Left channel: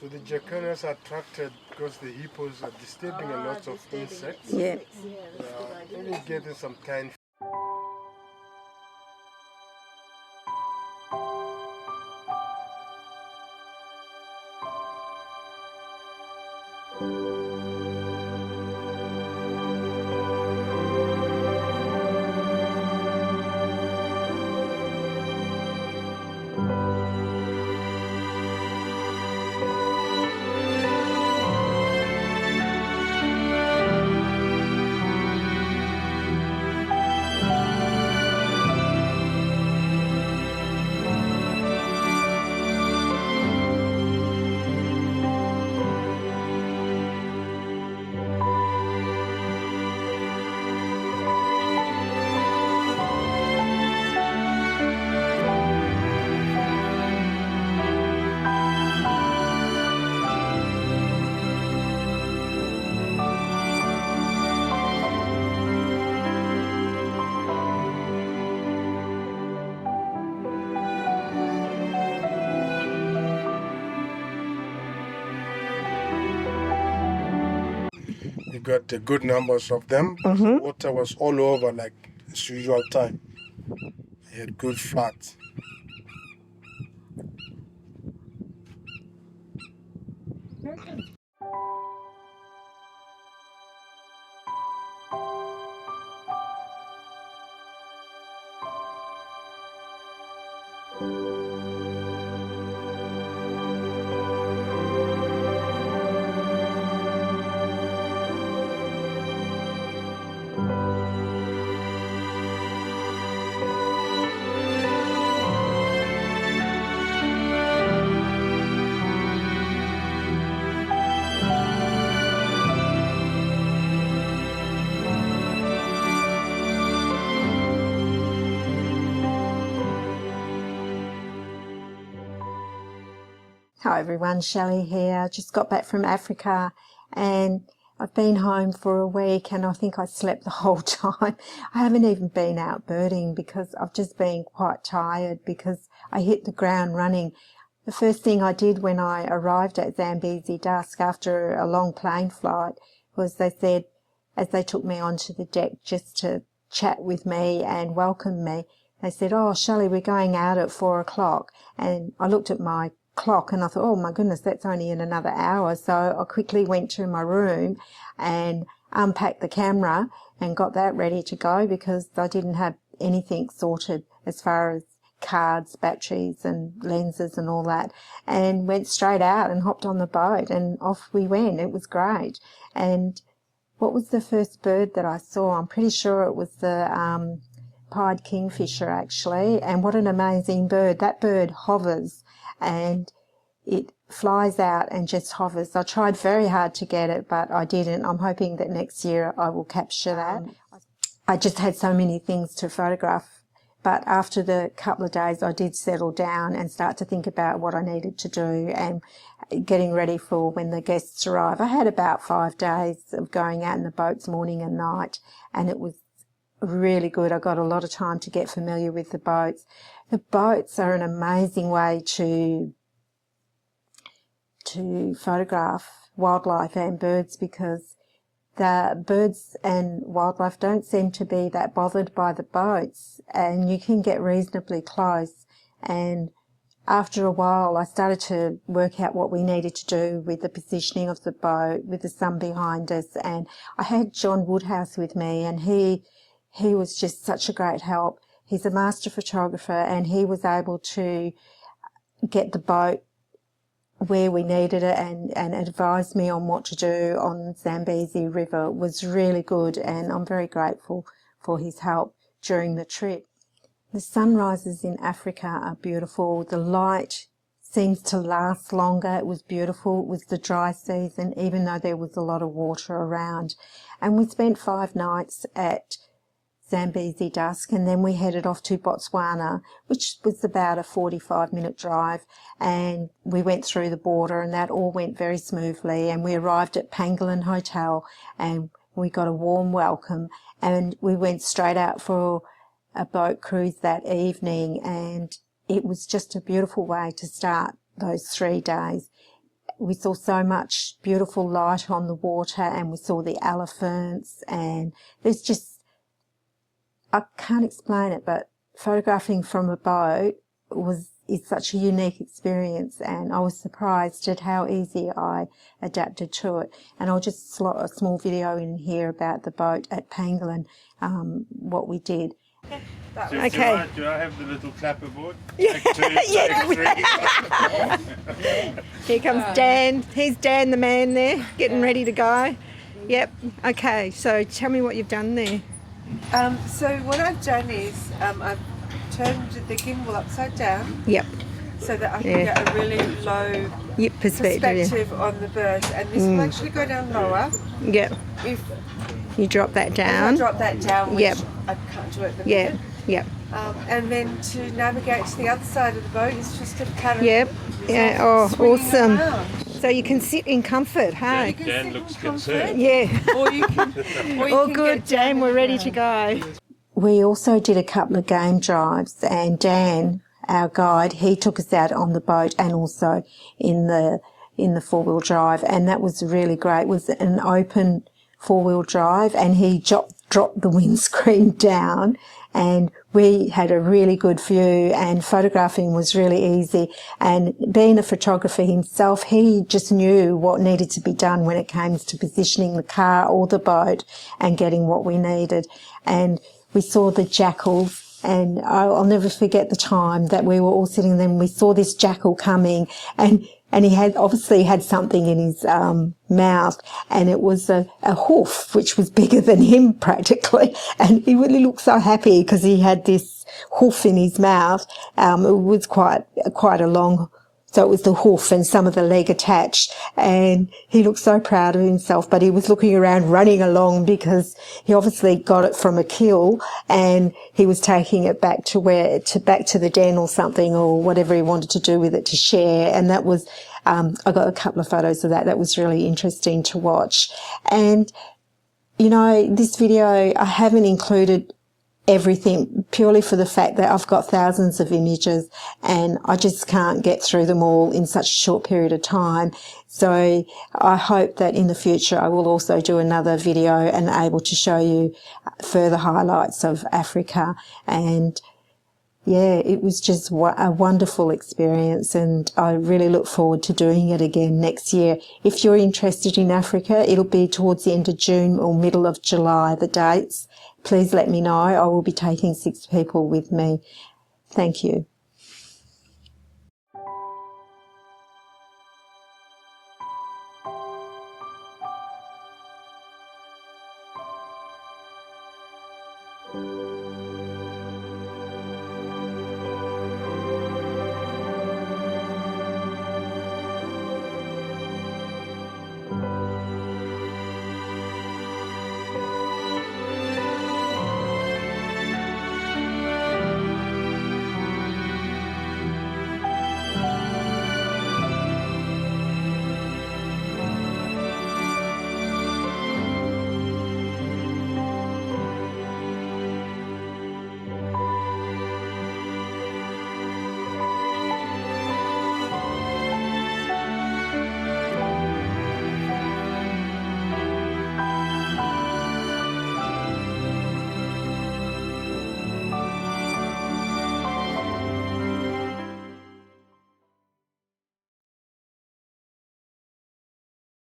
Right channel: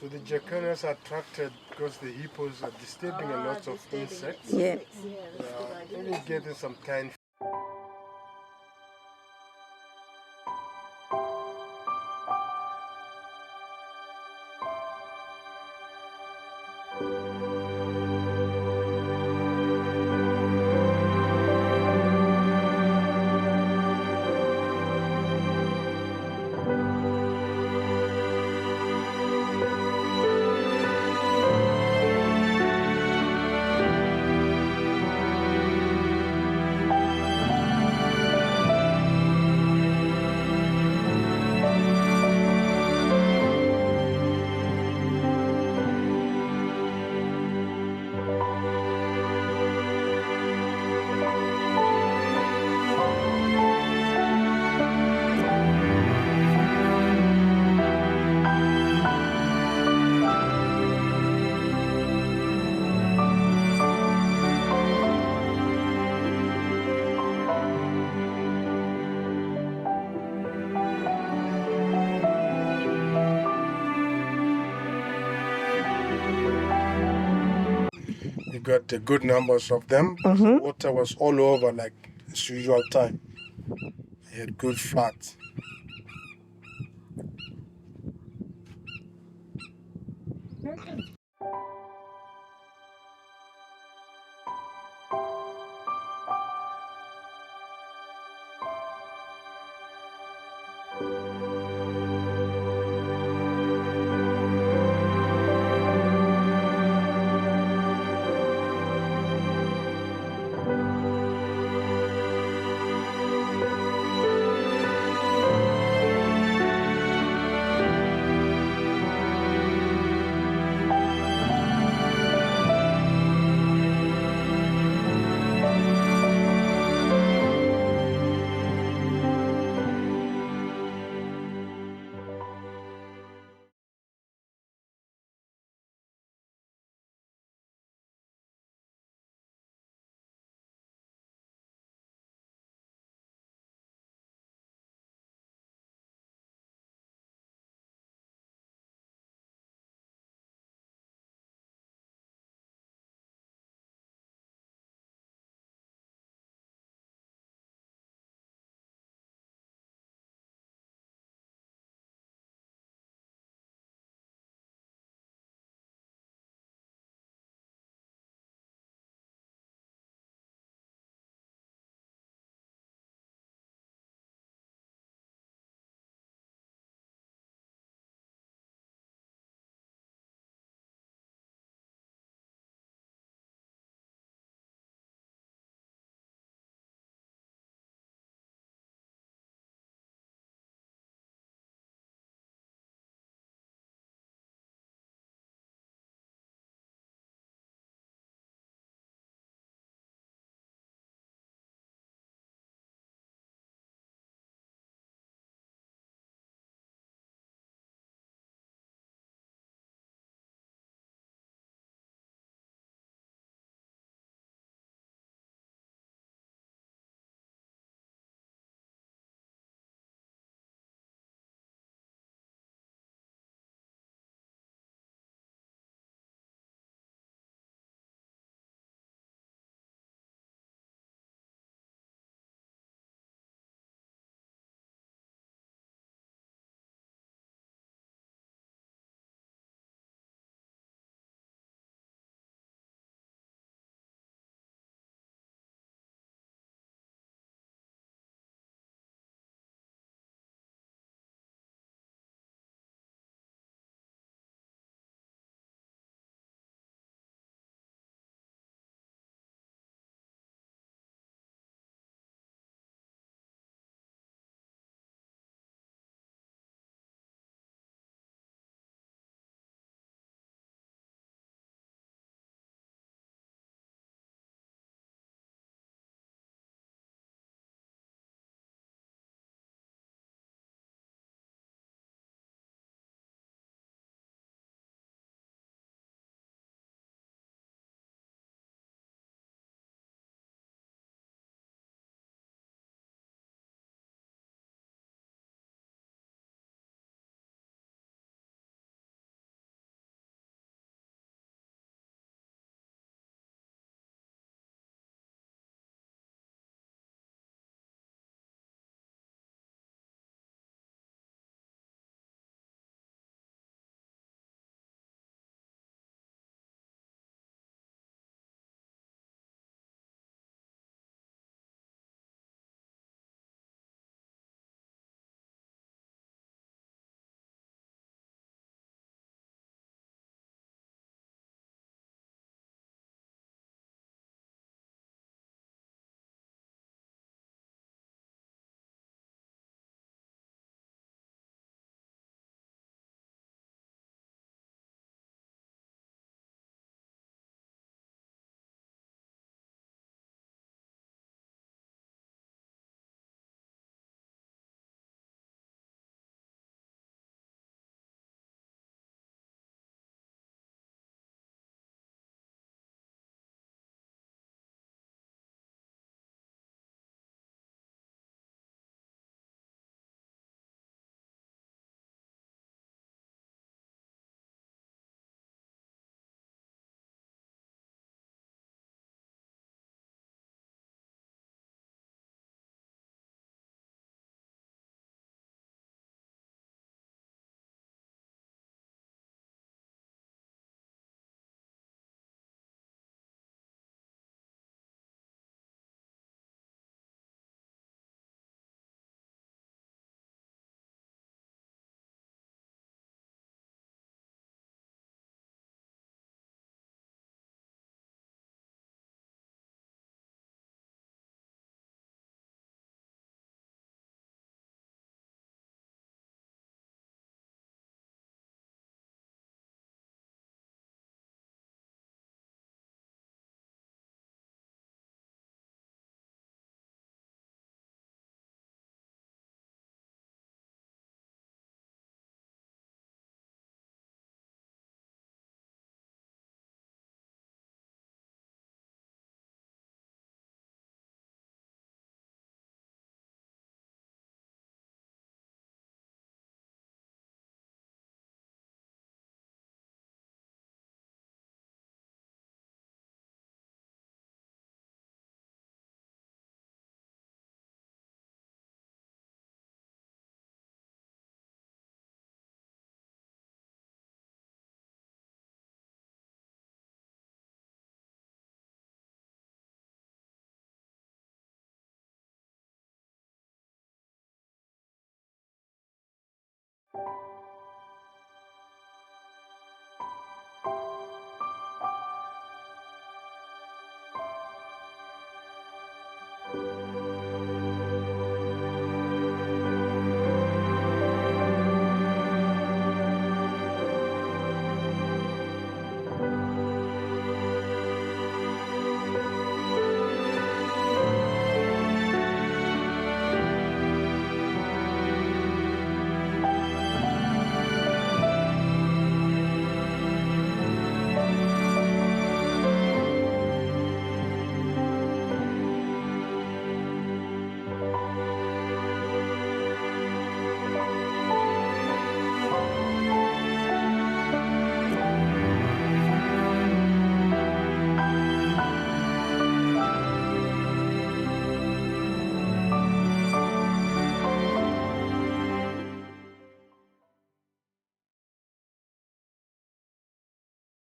So the jacanas are attracted because the hippos are disturbing a lot of insects. Yeah. Maybe getting some tiny. We got good numbers of them. The water was all over like its usual time. It had good floods. Hi everyone, Shelley here. Just got back from Africa and I've been home for a week and I think I slept the whole time. I haven't even been out birding because I've just been quite tired because I hit the ground running. The first thing I did when I arrived at Zambezi Dusk after a long plane flight was they said, as they took me onto the deck just to chat with me and welcome me, they said, "Oh, Shelley, we're going out at 4 o'clock." And I looked at my clock and I thought, oh my goodness, that's only in another hour. So I quickly went to my room and unpacked the camera and got that ready to go because I didn't have anything sorted as far as cards, batteries and lenses and all that, and went straight out and hopped on the boat and off we went. It was great. And what was the first bird that I saw? I'm pretty sure it was the pied kingfisher actually, and what an amazing bird. That bird hovers and it flies out and just hovers. I tried very hard to get it, but I didn't. I'm hoping that next year I will capture that. I just had so many things to photograph, but after the couple of days I did settle down and start to think about what I needed to do and getting ready for when the guests arrive. I had about 5 days of going out in the boats morning and night, and it was really good. I got a lot of time to get familiar with the boats. The boats are an amazing way to photograph wildlife and birds because the birds and wildlife don't seem to be that bothered by the boats and you can get reasonably close. And after a while I started to work out what we needed to do with the positioning of the boat with the sun behind us, and I had John Woodhouse with me and he was just such a great help. He's a master photographer and he was able to get the boat where we needed it and advised me on what to do on Zambezi River. It was really good and I'm very grateful for his help during the trip. The sunrises in Africa are beautiful. The light seems to last longer. It was beautiful. It was the dry season, even though there was a lot of water around. And we spent 5 nights at Zambezi Dusk, and then we headed off to Botswana, which was about a 45-minute drive, and we went through the border and that all went very smoothly, and we arrived at Pangolin Hotel and we got a warm welcome and we went straight out for a boat cruise that evening, and it was just a beautiful way to start those 3 days. We saw so much beautiful light on the water, and we saw the elephants, and there's just, I can't explain it, but photographing from a boat is such a unique experience, and I was surprised at how easy I adapted to it. And I'll just slot a small video in here about the boat at Pangolin, what we did. Okay. Do I have the little clapperboard? Yeah. Here comes Dan. He's Dan the man there, getting ready to go. Yep. Okay, so tell me what you've done there. So what I've done is I've turned the gimbal upside down. Yep. So that I can get a really low perspective on the bird, and this will actually go down lower. Yep. If you drop that down. I drop that down, which yep. I can't do at the yep. minute. Yep. And then to navigate to the other side of the boat is just a pattern. Yep. Yeah. Oh, awesome. Around. So you can sit in comfort, hey? Dan looks concerned. Yeah. Or you can. All good, Dan. We're ready to go. We also did a couple of game drives, and Dan, our guide, he took us out on the boat and also in the 4-wheel drive, and that was really great. It was an open 4-wheel drive, and he dropped the windscreen down, and we had a really good view, and photographing was really easy. And being a photographer himself, he just knew what needed to be done when it came to positioning the car or the boat and getting what we needed. And we saw the jackals, and I'll never forget the time that we were all sitting there and we saw this jackal coming, and he had obviously had something in his mouth, and it was a hoof which was bigger than him practically, and he really looked so happy because he had this hoof in his mouth. It was quite a long, so it was the hoof and some of the leg attached, and he looked so proud of himself, but he was looking around, running along, because he obviously got it from a kill, and he was taking it back to the den or something, or whatever he wanted to do with it to share. And that was, I got a couple of photos of that. That was really interesting to watch. And, you know, this video, I haven't included everything purely for the fact that I've got thousands of images and I just can't get through them all in such a short period of time. So I hope that in the future I will also do another video and able to show you further highlights of Africa. And yeah, it was just a wonderful experience, and I really look forward to doing it again next year. If you're interested in Africa, it'll be towards the end of June or middle of July, the dates. Please let me know. I will be taking 6 people with me. Thank you.